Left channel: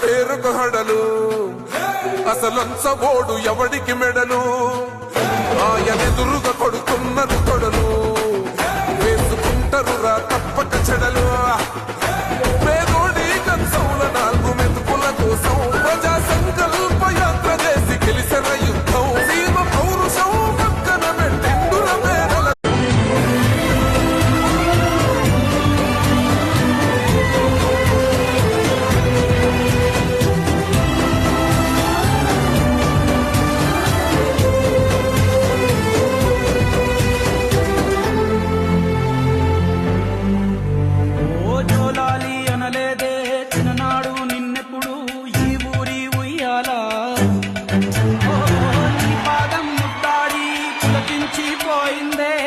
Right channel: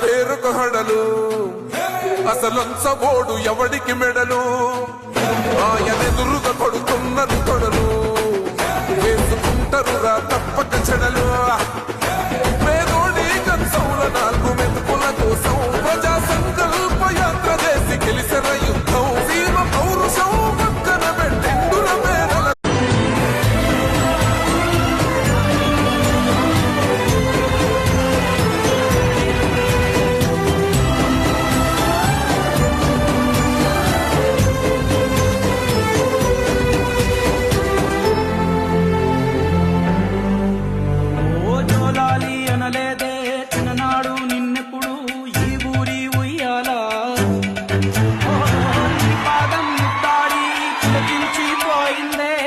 పేరుకు హడలు అసలంచబోడు ఎవడికి మెడలు ఆయనెదురుగా కొడుతున్నారు తొడలు వేసుకుంటారు రా తప్పక చెడలు పేదోడి కంచౌల 4 మెతుకుల కోసం ప్రజా సంకల్ప యాత్ర చేసి గెలిసిన యుద్ధం సీమ పౌరుషం పక్కన పెట్టిండుల పేదల జోలాలి అనలేదే చిన్ననాడు నిన్నెప్పుడు ఈ ఊరి ఉయ్యాలా నీ పాదం ముద్దాడి పులకించిపోయిందే